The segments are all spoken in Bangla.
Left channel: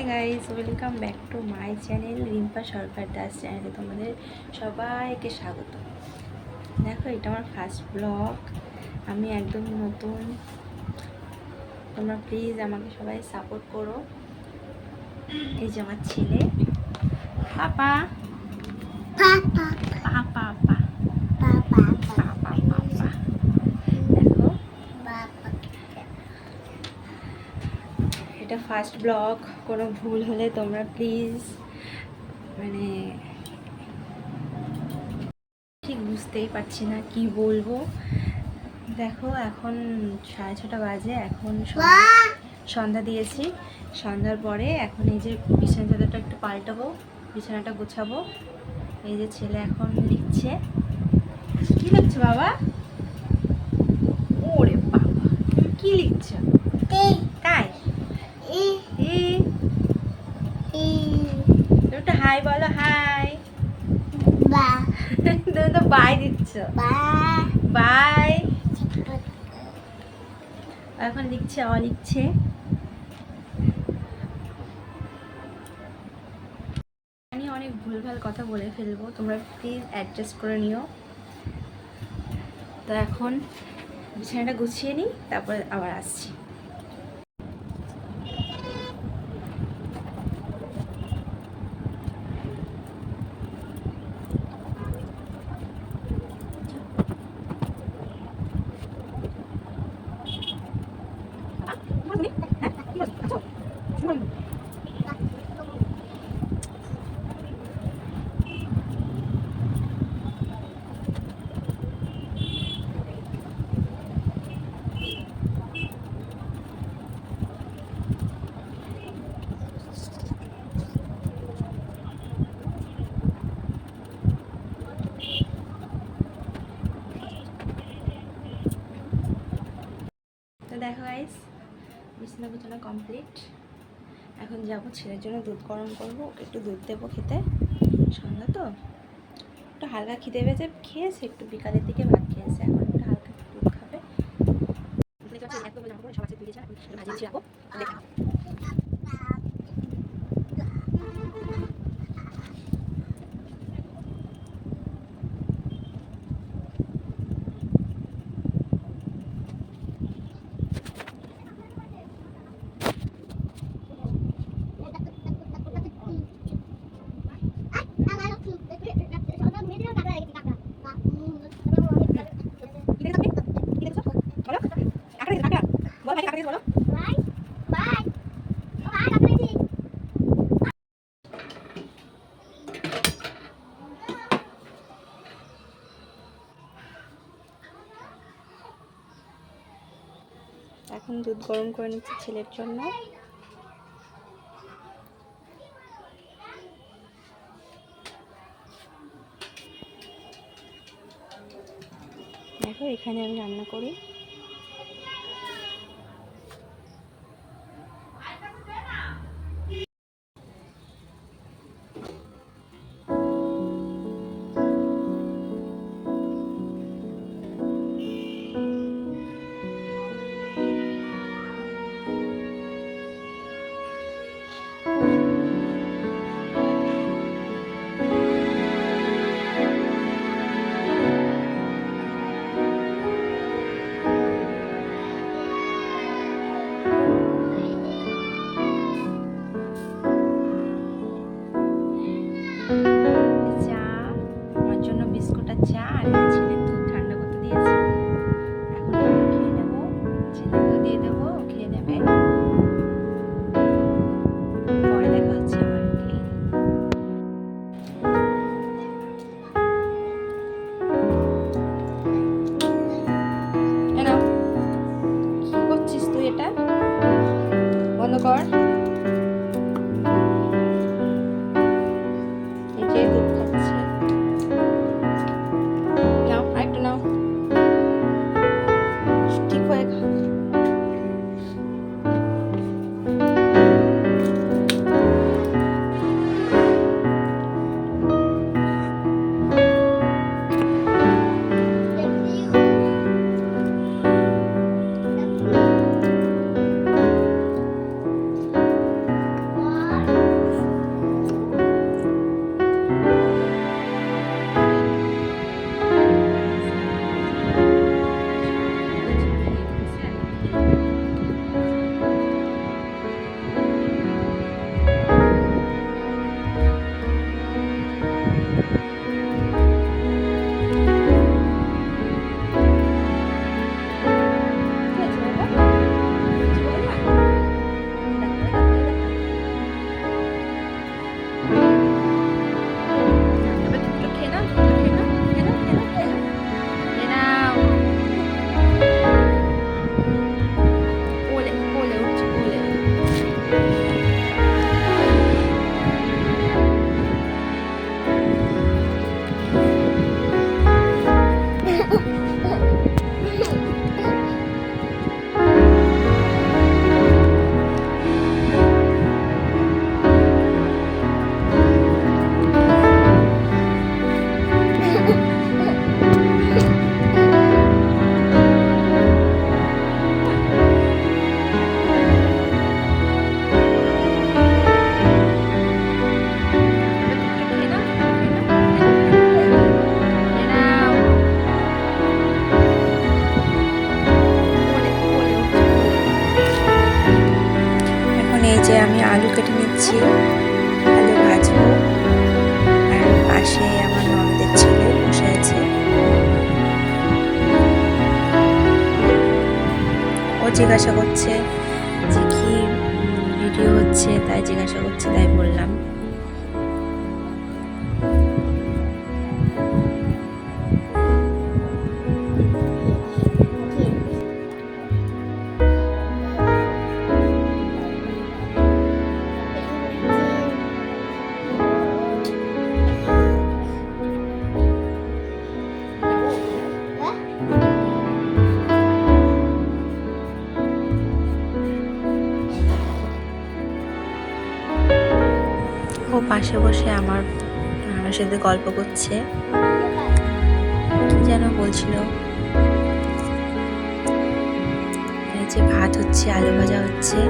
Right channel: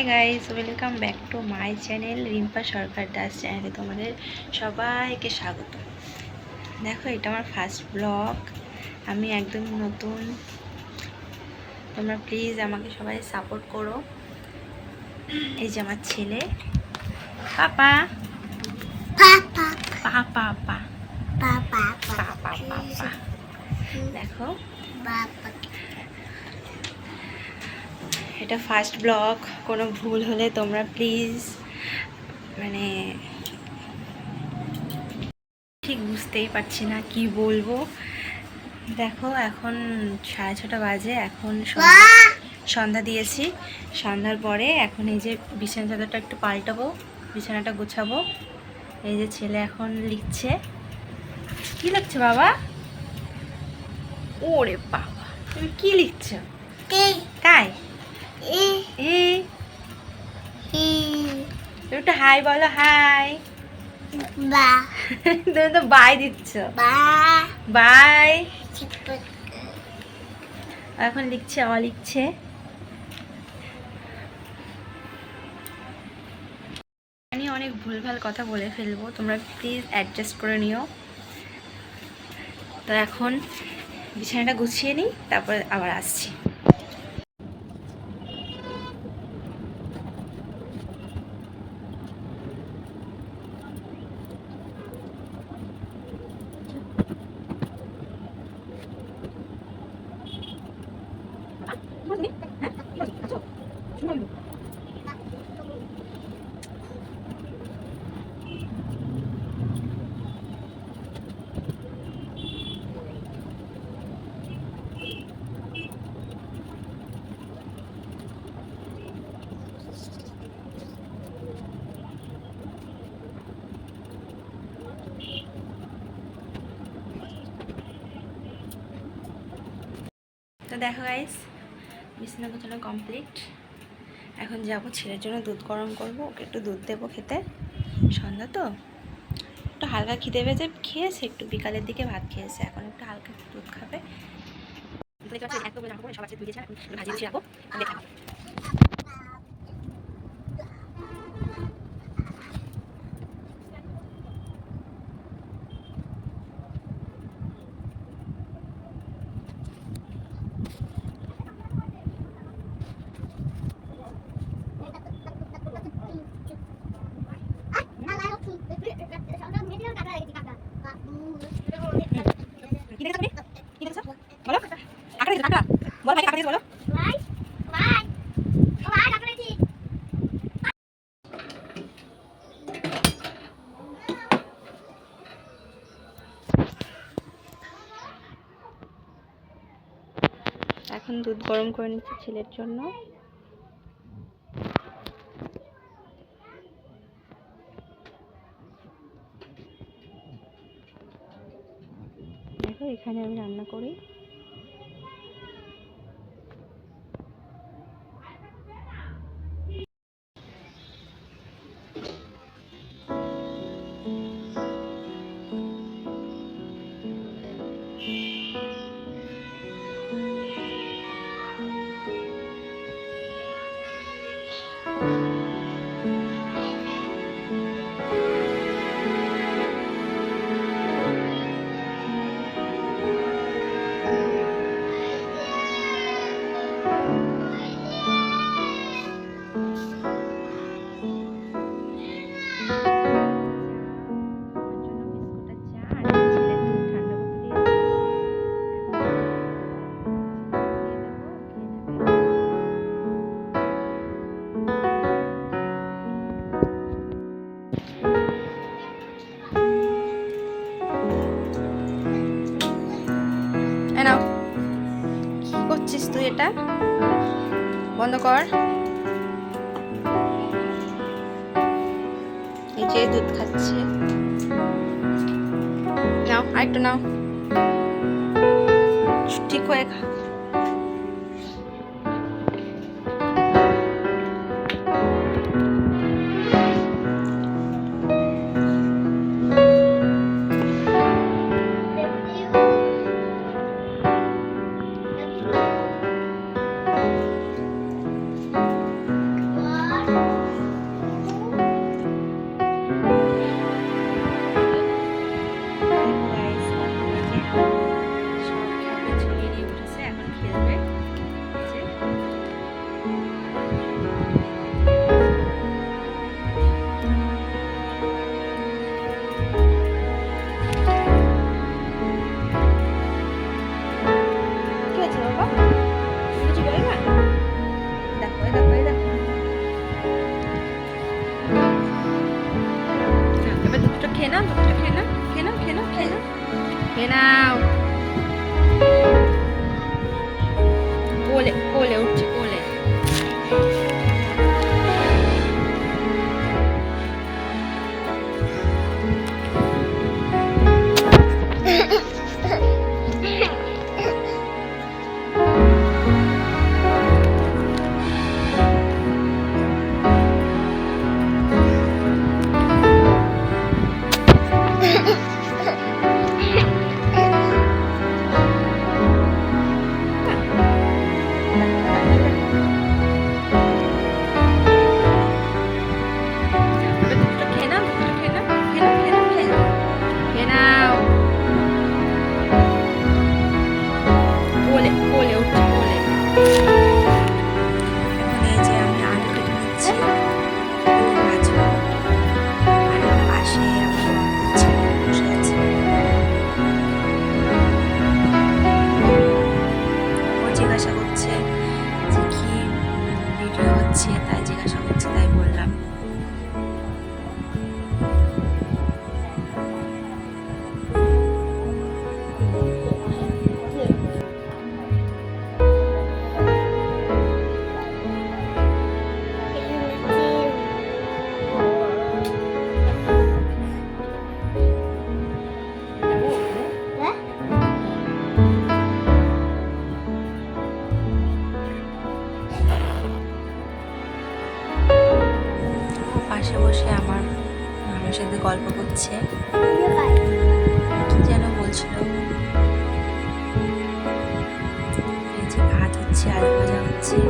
High guys, welcome back to my channel Rimpa Sarkar Das চ্যানেলে তোমাদের সবাইকে স্বাগত। দেখো, এটা আমার ফার্স্ট ব্লগ। আমি একদম নতুন। তোমরা প্লিজ আমাকে সবাই সাপোর্ট করো। এই যে আমার ছেলে, পাপা পাপা পাপা পাপা পাপা পাপা। দেখো, এটা ফার্স্ট ব্লগ। কোনো ভুল হলে তোমরা প্লিজ ঠিক বুঝতেই পারছি না কি বলবো। দেখো, এখন 6:30 বাজে। এখন সন্ধ্যা দিয়েছি। সন্ধ্যার পরে এখন এই যে বিছানা চাদরটা একটু পাল্টাবো, বিছানাটা গোছাবো। এই যে ছেলে এখন লিখছে। কি লিখছে বাবা? ওরে বাবা, তুমি কি লিখছো? তাই একটু হাই বলো। হাই। তুমি তো বাই দিচ্ছ। বাই। এখন লিখছে, লিখছে। আমি অনেক ভুলভাল কথা বলে ফেলবো, তোমরা প্লিজ অ্যাডজাস্ট করে নিও। তো এখন বিছানাটা গুছিয়ে নিই, তারপর আবার আসছি। তো দেখো গাইস, বিছানা গোছানো কমপ্লিট। এখন যাব ছেলের জন্য দুধ গরম করব, ওকে একটু দুধ দেবো খেতে। সন্ধ্যা তো একটু হালকা খিদে পেয়েছে, খেয়েছে একটু বিকালের দিকে ভাত খেয়েছে, এখন একটু হালকা দুধ খাবে। এখন দুধ গরম করে নিচ্ছি ছেলের জন্য। দেখো, এখানে আমি রান্না করি। চা আর ছেলের দুধ ঠান্ডা করতে দিয়েছি। এখন আমি খেয়ে নেবো, ছেলেকেও দিয়ে দেবো, খেয়ে নেবে। পরে দেখা হচ্ছে আবার। নাও, কি করছিস তুই? এটা বন্ধ কর। এই যে দুধ খাচ্ছে, নাও আরেকটু নাও, ঠিক হয়ে খা। আমি আলু কেটে নিচ্ছি, আলু ভাজবো। আর পাশে আমার ননদের ছেলে বসে আছে, ও জিজ্ঞাসা করছে যে কি ভিডিও হচ্ছে, তাই জিজ্ঞাসা করছে, তাই বললাম। ও পাশে বসে আমার সাথে গল্প করছে, কি যেন বলছিল। এই যে ভাত হচ্ছে, আলু ভাজা হচ্ছে।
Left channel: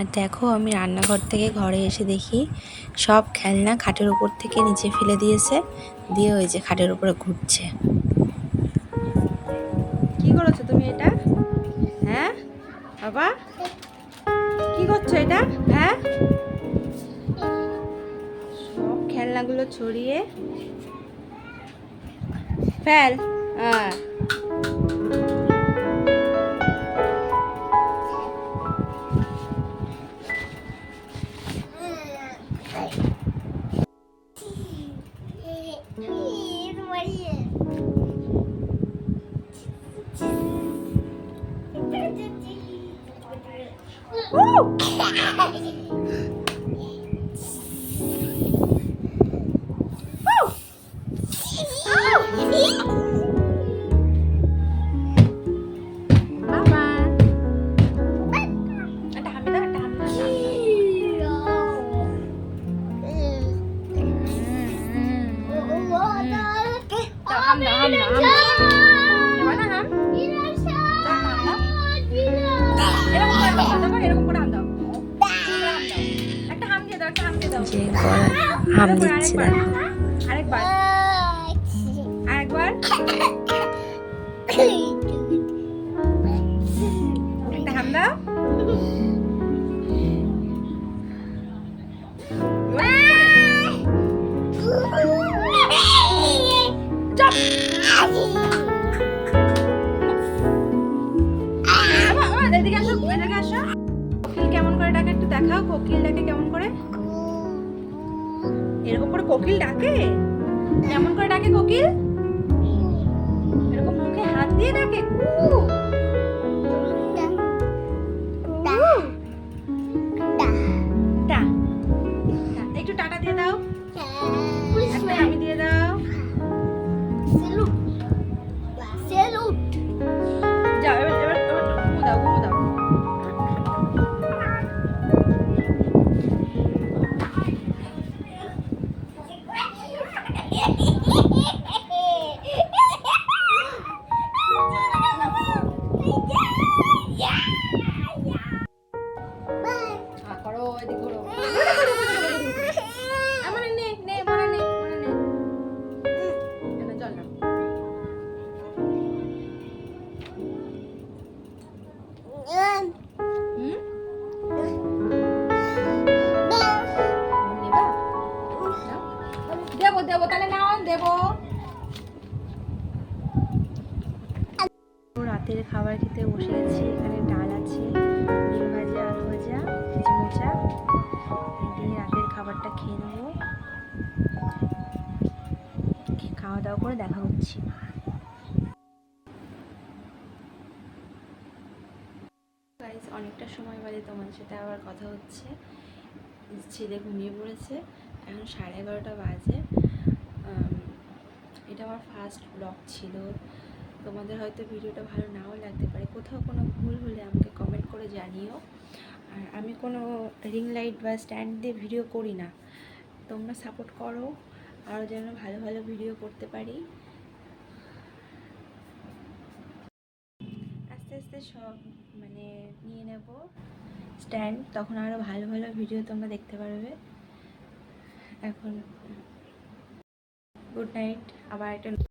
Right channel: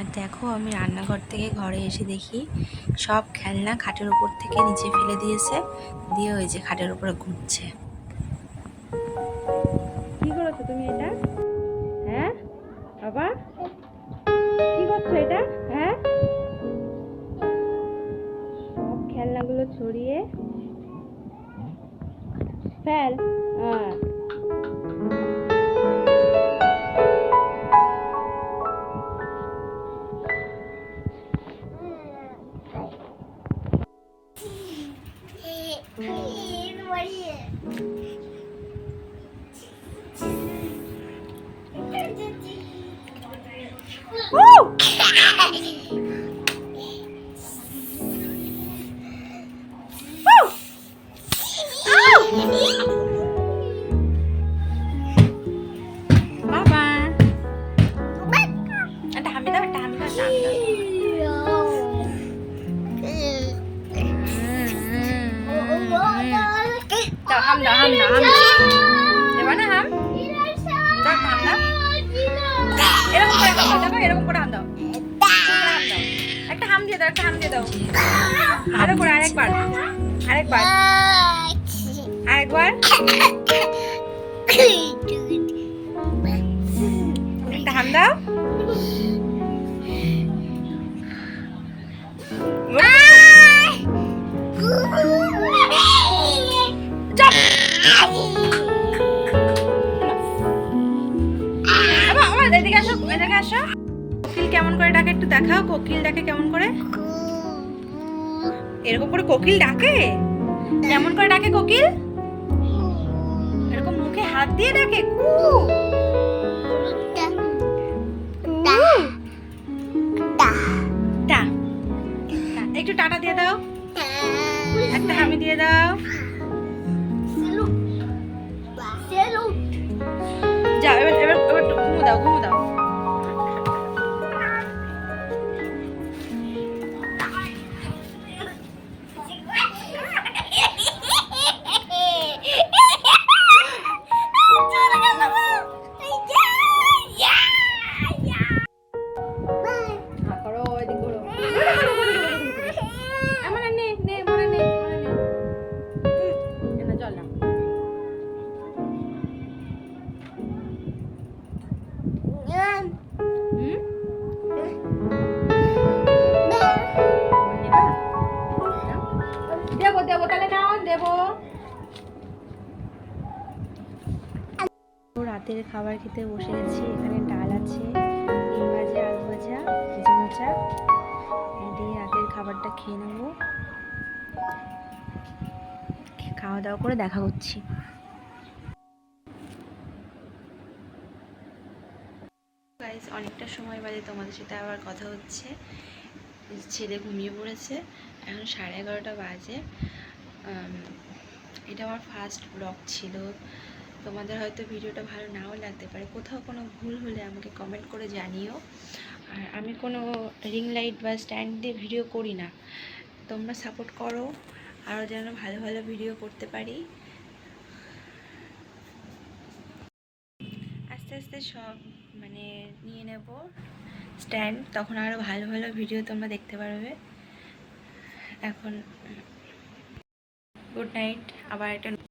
আর দেখো, আমি রান্নাঘর থেকে ঘরে এসে দেখি সব খেলনা খাটের উপর থেকে নিচে ফেলে দিয়েছে, দিয়ে ওই যে খাটের উপরে ঘুরছে। কি করেছো তুমি এটা? হ্যাঁ বাবা, কি করছো এটা? হ্যাঁ, সব খেলনাগুলো ছড়িয়ে ফেল। হ্যাঁ, বাবা একটা হামি দাও, একটা হামি দাও, হাম দাও, হাম দাও, হাম দাও, দেবা না হাম? দাও হাম দাও, এরকম করে হাম দাও, একটা হাম দিয়ে দাও, একটা হাম দিয়ে দাও, আরেকবার, আরেকবার, আরেকবার, আরেকবার, একটা হাম দাও। এদিকে আসো, এদিকে আসো। কোকিল কেমন করে ডাকে একটু দেখাও, কোকিল ডাকে কেমন করে? এরকম করে কোকিল ডাকে? কেমন করে ডাকে কোকিল? এরকম মুখে হাত দিয়ে ডাকে, কু টা। একটু টাটা দিয়ে দাও, একটা হামি দিয়ে দাও। যাও, এবার এবার এবার ঘুমো দাও, ঘুমো দাও। রাতের খাবার খেতে বসে গেছি। এখানে ডাল আছে, ডিম ভাজা, আলু ভাজা, এই যে মোচা, এই দিয়ে রাতের খাবারটা খেয়ে নেবো। খাওয়া দাওয়া করে দেখা করছি। গাইস, অনেকটা সময় বাদে তোমাদের সাথে আবার কথা হচ্ছে। ছেলে ঘুমিয়ে পড়েছে, এখন 11:30 বাজে। এটা আমার ফার্স্ট ব্লগ ছিল। তোমাদের হয়তো ভিডিওটা ভালো নাও লাগতে পারে, কোথাও কোনো ভুল হলে আমাকে কমেন্ট করে জানিও। আর আমি কোনো রিং লাইট বা স্ট্যান্ড দিয়ে ভিডিও করি না, তোমরা সাপোর্ট করো আরও যেন ভালো ভালো ভিডিও করতে পারি। আস্তে আস্তে সব মানে নিয়ে নেব স্ট্যান্ড, তখন আরও ভালো ভালো ভিডিও তোমরা দেখতে পারবে। এখন গুড নাইট, আবার একটা